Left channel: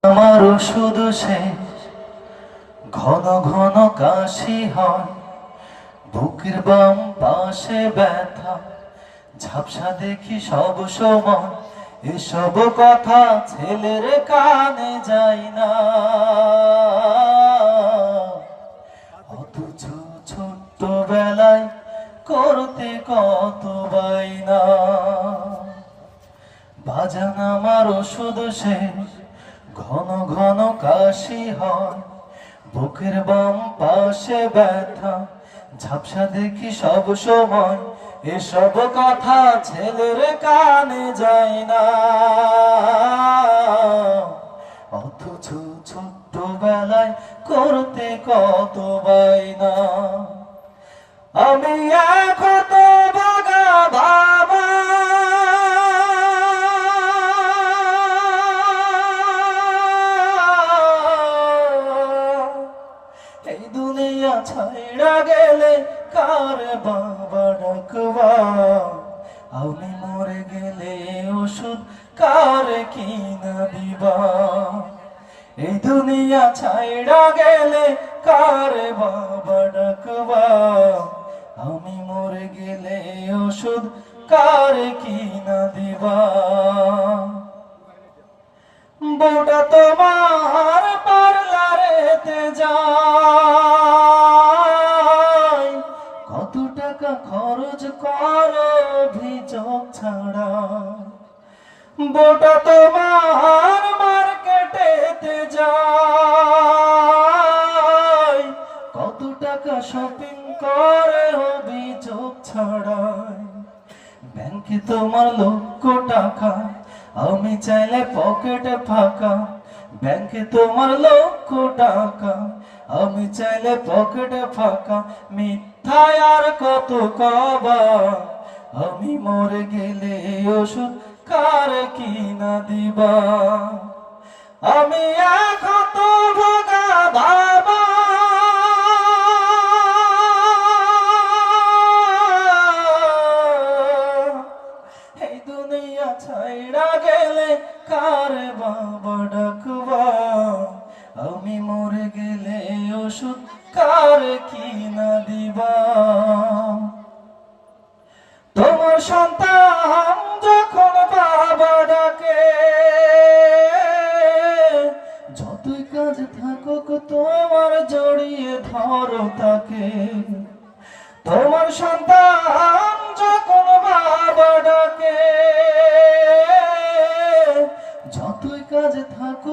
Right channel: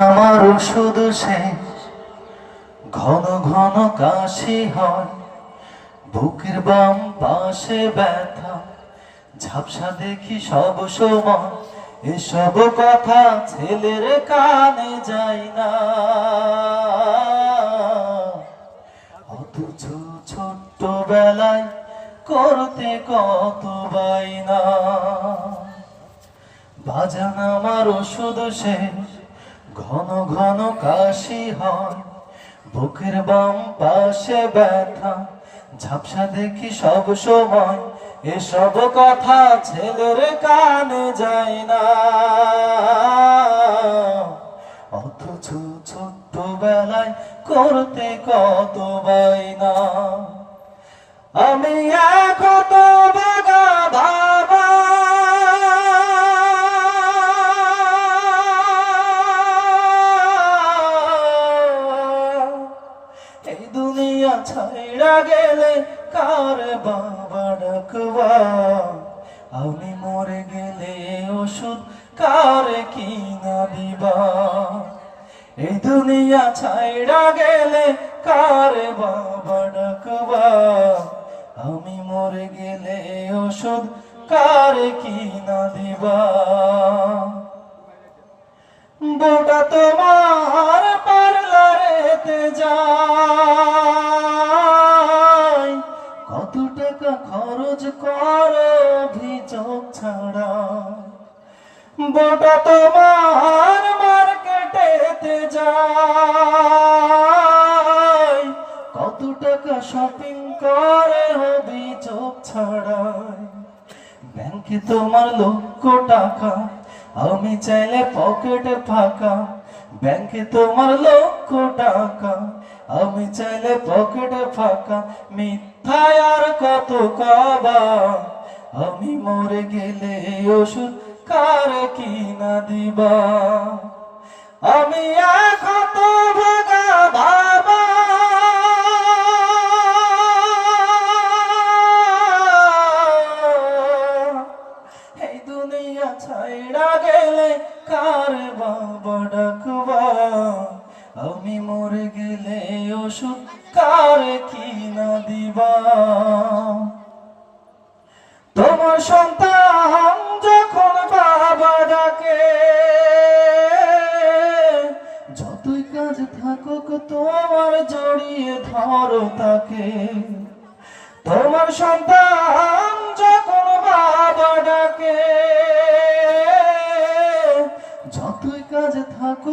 আমার শুধু শেষ ঘন ঘন কাশি হয়, বুকের বাম পাশে ব্যথা, ঝাপসা দেখি সব সময়। এসব কথা ছেলের কানে যায় না, অথচ ছোট্ট বেলায় করতে কত বাইনা। বাজান আমার শুধু শেষ ঘন ঘন কাশি হয়, বুকের বাম পাশে ব্যথা, ঝাপসা দেখি সব সময়। এসব কথা ছেলের কানে যায় না, অথচ ছোট্ট বেলায় করতে কত বাইনা। আমি কত ভাগা ভাবা, এই দুনিয়া ছাইড়া গেলে কার বাবা ডাকবা, আমি মরে গেলে ওষুধ কার কিনা দিবা। এই দুনিয়া ছাইড়া গেলে কার বাবা ডাকবা, আমি মরে গেলে ওষুধ কার কিনা দিবা। বউটা তোমার পার্লারেতে যায়, কত টাকা খরচ করো অভিযোগ ছাড়া। বউটা তোমার মার্কেটেতে যায়, কত টাকা শপিং করে অভিযোগ ছাড়ায়। ব্যাংকে তোমার লক্ষ টাকা, আমি চাইলে পকেটে ফাঁকা। ব্যাংকে তোমার লক্ষ টাকা, আমি চাইলে পকেটে ফাঁকা। মিথ্যায় আর কত কবা, আমি মরে গেলে ওষুধ কার কিনা দিবা। আমি কত ভাগা ভাবা, এই দুনিয়া ছাইড়া গেলে কার বাবা ডাকবা, আমি মরে গেলে ওষুধ কার কিনা দিবা। তোমার সন্তান যখন বাবা ডাকে, যতই কাজ থাকুক তোমার জড়িয়ে ধরো তাকে। তোমার সন্তান যখন বাবা ডাকে, যতই কাজ থাকুক